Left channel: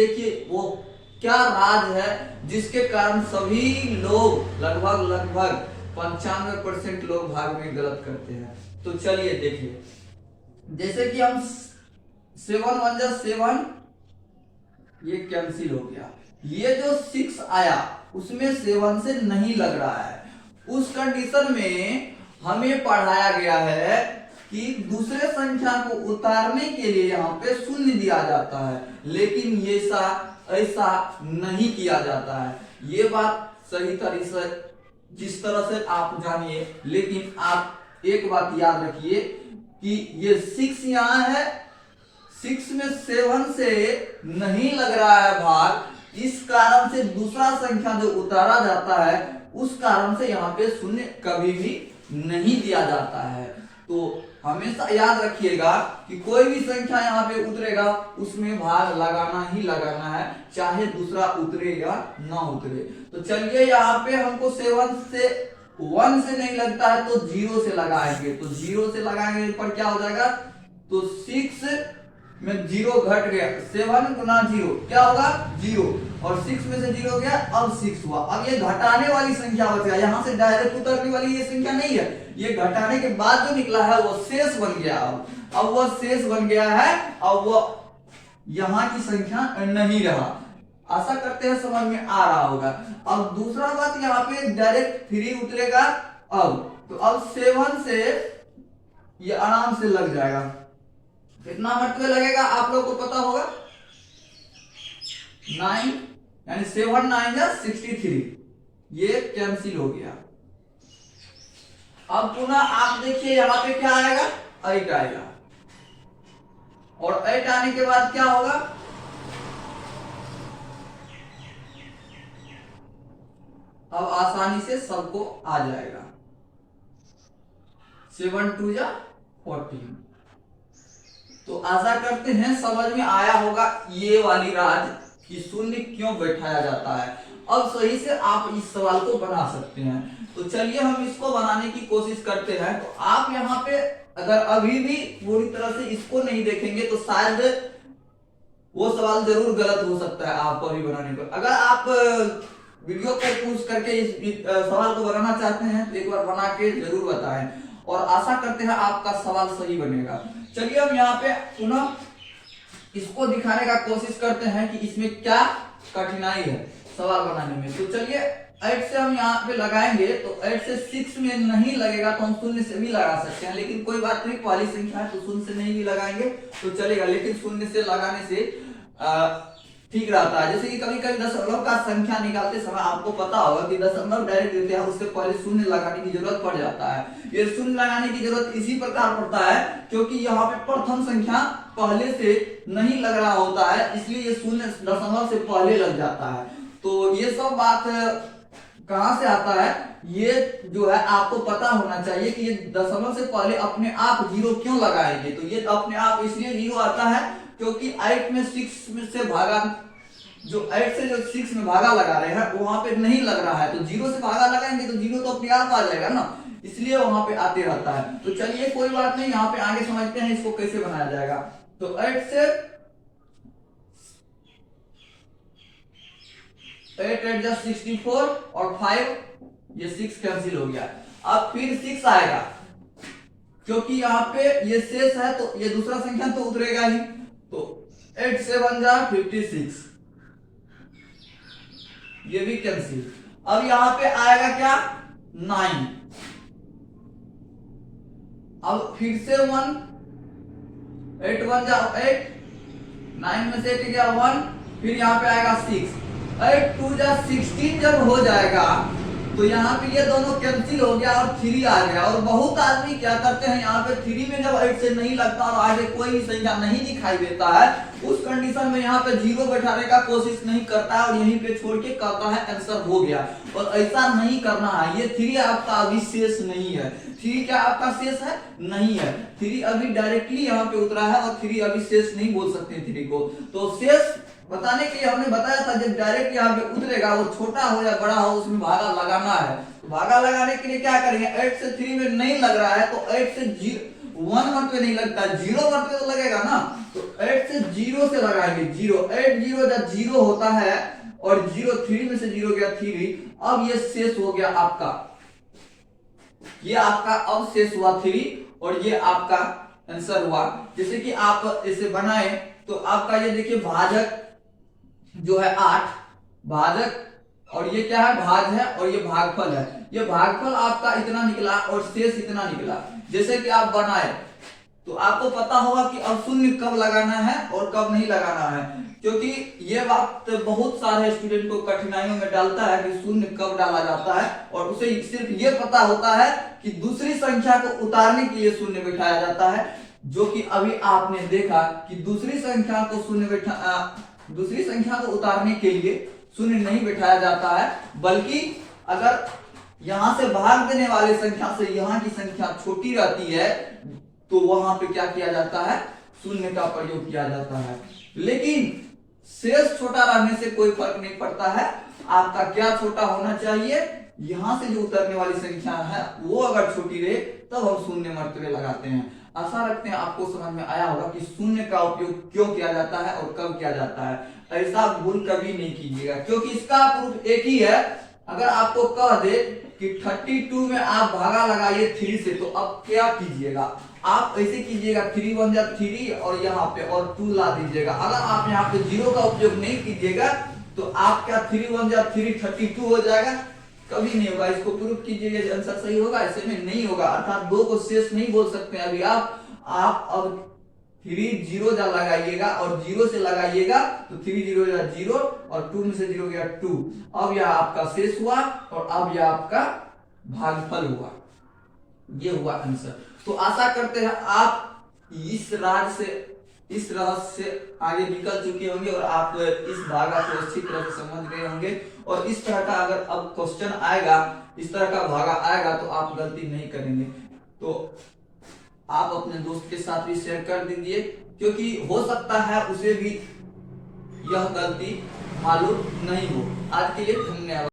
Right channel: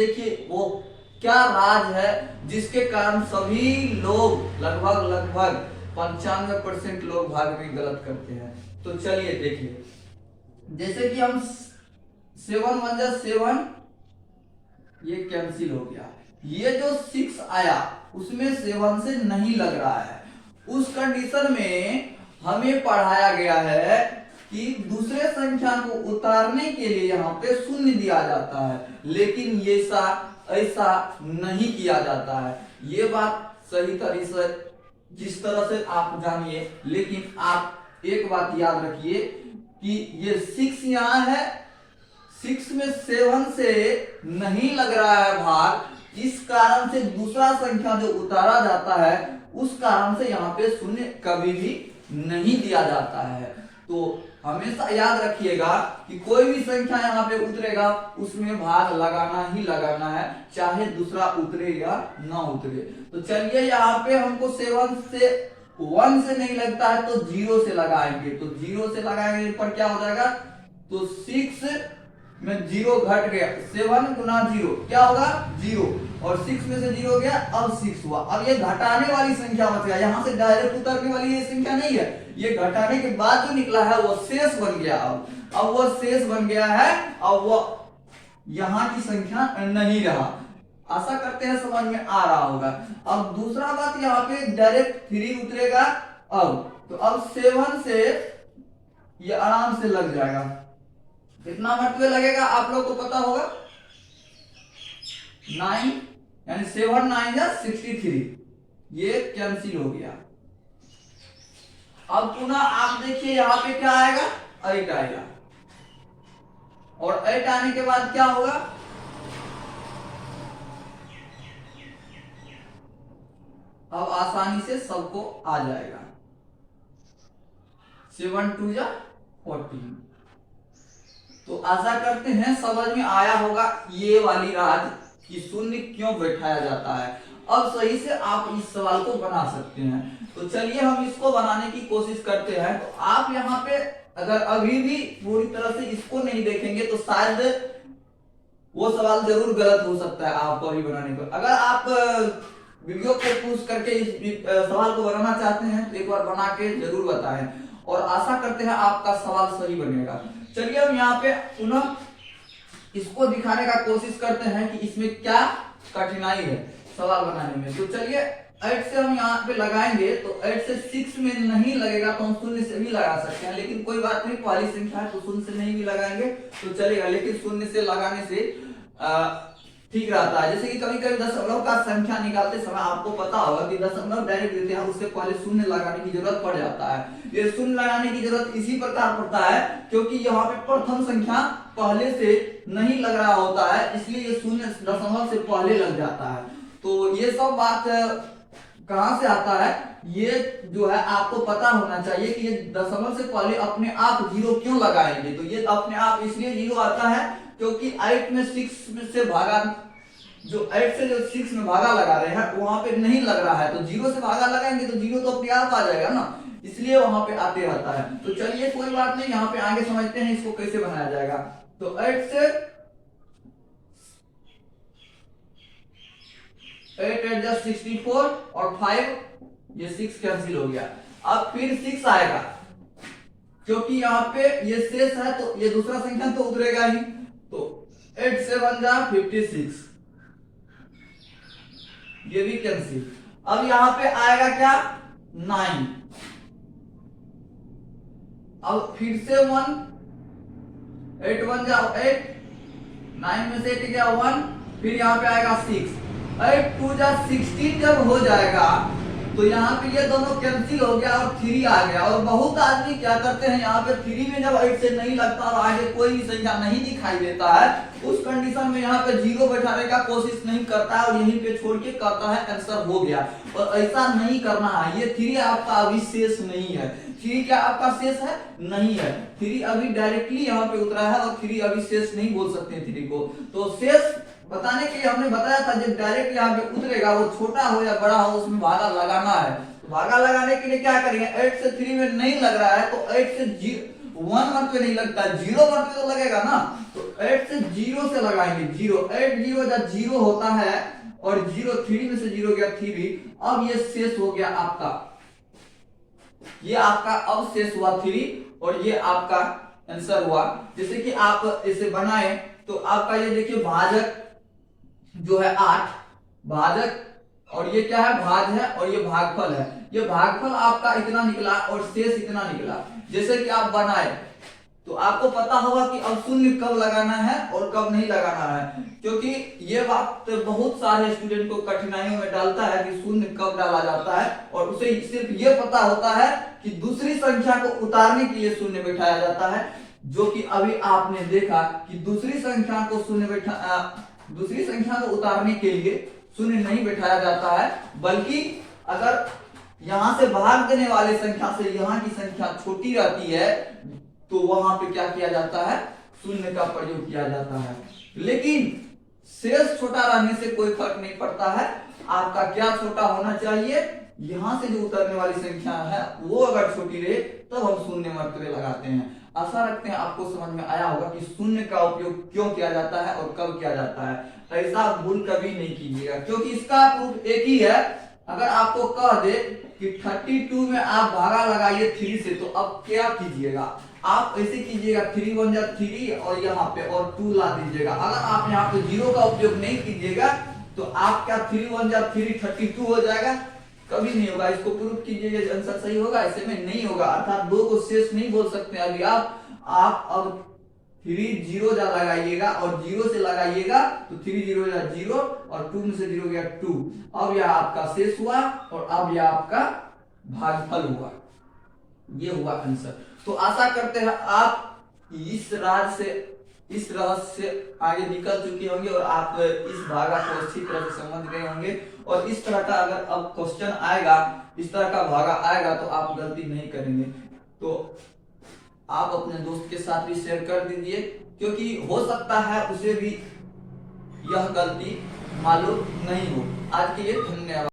देखिए वो क्या राज है जिसके कारण सभी लोग लगभग 95% लोग भाग में गलत करते हैं। तो चलिए देखिए, जैसे कि हम 7 1 जा 7, ये कैंसिल हो गया। ये जो 6 आया उसमें 7 से नहीं लग रहा है। उस कंडीशन में हमें पढ़ाया गया है कि दूसरे संख्या को उतारने के लिए यहाँ पे शून्य दिया जाता है, लेकिन ये ऐसा नहीं किया जाता है। ये बात सही तरीके से जिस तरह से आप जानिए, लेकिन आप एक बात याद रखिए कि ये 6 यहाँ है, 6 में 7 से नहीं लग रहा है भाग, इस कारण से दूसरा संख्या जो उतारा जाता है उस कारण से यहाँ पे शून्य कभी भी नहीं दिया जाता है। तो हमेशा याद रखिएगा कि कोई भी संख्या यहाँ पे उतरेगा उसमें भाग लगाना ही लगाना है, चाहे दूसरा उतरे या ना उतरे। तो चलिए यहाँ पे हमको 7 से 1 से नहीं लगता है तो 0 से लगाएंगे। तो 0 से लगाएंगे पर क्या हो जाएगा, तो 6 में 0 घट गया, 7 गुना 0 क्या होगा 0, और 6 में से 0 गया, अब 6 हुआ। अब ये घटाने वाली संख्या बच गया, यहाँ से डायरेक्ट उतरने वाली ये संख्या नहीं है, ये घटाने के बाद जो निकला है वो शेष बन गया। अब वो शेष बन गया है, अब वो यहाँ की संख्या नहीं रहा। आशा करते हैं समझ में आ रहा होगा। अब दूसरा बात यहाँ पे डायरेक्ट 3 उतरेगा, तो अब 7 से ये आराम से लग जाएगा। कितना मरतबे लगेगा आप लोग को पता होगा, 9, यानी 7 9 जा 63, ये कैंसिल हो गया। अब पुनः आप देखिए यहाँ पे क्या आएगा, 8 आएगा, और 8 आने के बाद क्या होगा, अब आसानी से सबको आ जाएगा, 7 2 जा 14। तो आशा करते हैं समझ में आया होगा ये वाली राज कि शून्य क्यों बैठाया जाता है। अब सही से आप इस सवाल को बना सकते हैं। तो चलिए हम इसको बनाने की कोशिश करते हैं। तो आप यहाँ पे अगर अभी भी पूरी तरह से इसको नहीं देखेंगे तो शायद वो सवाल जरूर गलत हो सकता है आपको अभी बनाने पर। अगर आप वीडियो को पूछ करके इस सवाल को बनाना चाहते हैं तो एक बार बना के जरूर बताएं, और आशा करते हैं आपका सवाल सही बनेगा। चलिए हम यहाँ पे पुनः इसको दिखाने का कोशिश करते हैं कि इसमें क्या कठिनाई है सवाल बनाने में। तो चलिए 8 से हम यहाँ पे लगाएंगे, तो 8 से 6 में नहीं लगेगा तो हम शून्य से भी लगा सकते हैं, लेकिन कोई बात नहीं, पहली संख्या है तो शून्य से नहीं भी लगाएंगे तो चलेगा, लेकिन शून्य से लगाने से ठीक रहता है। जैसे कि कभी कभी दशमलव का संख्या निकालते समय आपको पता होगा कि दशमलव डायरेक्ट देते हैं, उससे पहले शून्य लगाने की जरूरत पड़ जाता है। ये शून्य लगाने की जरूरत इसी प्रकार पड़ता है क्योंकि यहाँ पे प्रथम संख्या पहले से नहीं लग रहा होता है, इसलिए ये शून्य दशमलव से पहले लग जाता है। तो ये सब बात कहां से आता है, ये जो है आपको पता होना चाहिए कि ये दशमलव से पहले अपने आप 0 क्यों लगाएंगे। तो ये अपने आप इसलिए 0 आता है क्योंकि 8 में 6 में से भागा, जो 8 से जो 6 में भागा लगा रहे हैं वहां पे नहीं लग रहा है, तो 0 से भागा लगाएंगे तो 0 तो अपने आप आ जाएगा ना, इसलिए वहां पे आते रहता है। तो चलिए कोई बात नहीं, यहाँ पे आगे समझते हैं इसको कैसे बनाया जाएगा। तो 8 से 8 8 जा 64 और 5 ये 6 कैंसिल हो गया। अब फिर 6 आएगा क्योंकि यहाँ पे ये शेष है तो ये दूसरा संख्या तो उतरेगा ही, तो 8 7 जा 56, ये भी कैंसिल। अब यहाँ पे आएगा क्या 9, अब फिर से 1, 8 1 जा 8, 9 में से 8 गया 1, फिर यहाँ पे आएगा 6, 8 2 जा 16 जब हो जाएगा तो यहाँ पे ये दोनों कैंसिल हो गया और 3 आ गया। और बहुत आदमी क्या करते हैं, यहाँ पे 3 में जब 8 से नहीं लगता और आगे कोई भी संख्या नहीं दिखाई देता है, उस कंडीशन में यहाँ पे 0 बैठाने का कोशिश नहीं करता है और यहीं पे छोड़ के कहता है आंसर हो गया। और ऐसा नहीं करना है, ये 3 आपका अभी शेष नहीं है। 3 क्या आपका शेष है, नहीं है, 3 अभी डायरेक्टली यहाँ पे उतरा है और 3 अभी शेष नहीं बोल सकते 3 को। तो शेष बताने के लिए हमने बताया था जब डायरेक्ट यहाँ पे उतरेगा वो छोटा हो या बड़ा हो उसमें भागा लगाना है। तो भागा लगाने के लिए क्या करेंगे, 8 से 3 में नहीं लग रहा है तो 8 से 1 मरतबे नहीं लगता, 0 मरतबे तो लगेगा ना। तो 8 से 0 से लगाएंगे, 0 8 0 जब 0 होता है और 0 3 में से 0 गया 3, अब ये शेष हो गया आपका, ये आपका अब शेष हुआ 3 और ये आपका आंसर हुआ। जैसे कि आप इसे बनाए तो आपका ये देखिए भाजक जो है 8, भाजक और ये क्या है भाज है और ये भागफल है, ये भागफल आपका इतना निकला और शेष इतना निकला। जैसे कि आप बनाए तो आपको पता होगा कि अब शून्य कब लगाना है और कब नहीं लगाना है, क्योंकि ये बात बहुत सारे स्टूडेंट को कठिनाइयों में डालता है कि शून्य कब डाला जाता है, और उसे सिर्फ ये पता होता है कि दूसरी संख्या को उतारने के लिए शून्य बैठाया जाता है, जो कि अभी आपने देखा कि दूसरी संख्या को उतारने के लिए शून्य नहीं बैठाया जाता है, बल्कि अगर यहां से भाग देने वाले संख्या से यहाँ की संख्या छोटी रहती है तो वहां पे क्या किया जाता है, शून्य का प्रयोग किया जाता है। लेकिन शेष छोटा रहने से कोई फर्क नहीं पड़ता है, आपका क्या छोटा होना चाहिए, यहां से जो उतरने वाली संख्या है वो अगर छोटी रहे तब हम शून्य मर्तबे लगाते हैं। आशा रखते हैं आपको समझ में आया होगा कि शून्य का उपयोग क्यों किया जाता है और कब किया जाता है। ऐसा भूल कभी नहीं कीजिएगा, क्योंकि इसका प्रूफ एक ही है। अगर आपको कह दे कि 32 में आप भागा लगाइए 3 से, तो अब क्या कीजिएगा, आप ऐसे कीजिएगा 3 1 जा 3 और यहाँ पे और 2 ला दीजिएगा। अगर आप यहाँ पे 0 का उपयोग नहीं कीजिएगा तो आप क्या 3 1 जा 3 32 हो जाएगा, कभी नहीं होगा। इसको प्रूफ कीजिएगा, आंसर सही होगा, ऐसे में नहीं होगा। अर्थात 2 को शेष नहीं बोल सकते अभी आप अब 3 0 जा लगाइएगा और 0 से लगाइएगा तो 3 0 जा 0 और 2 में से 0 गया 2, अब यह आपका शेष हुआ और अब यह आपका भागफल हुआ, ये हुआ आंसर। तो आशा करते हैं आप इस रहस्य से आगे निकल चुके होंगे और आप इस भागा को अच्छी तरह से समझ गए होंगे, और इस तरह का अगर अब क्वेश्चन आएगा, इस तरह का भागा आएगा तो आप गलती नहीं करेंगे। तो आप अपने दोस्त के साथ भी शेयर कर दीजिए, क्योंकि हो सकता है उसे भी यह गलती मालूम नहीं हो। आज के लिए धन्यवाद।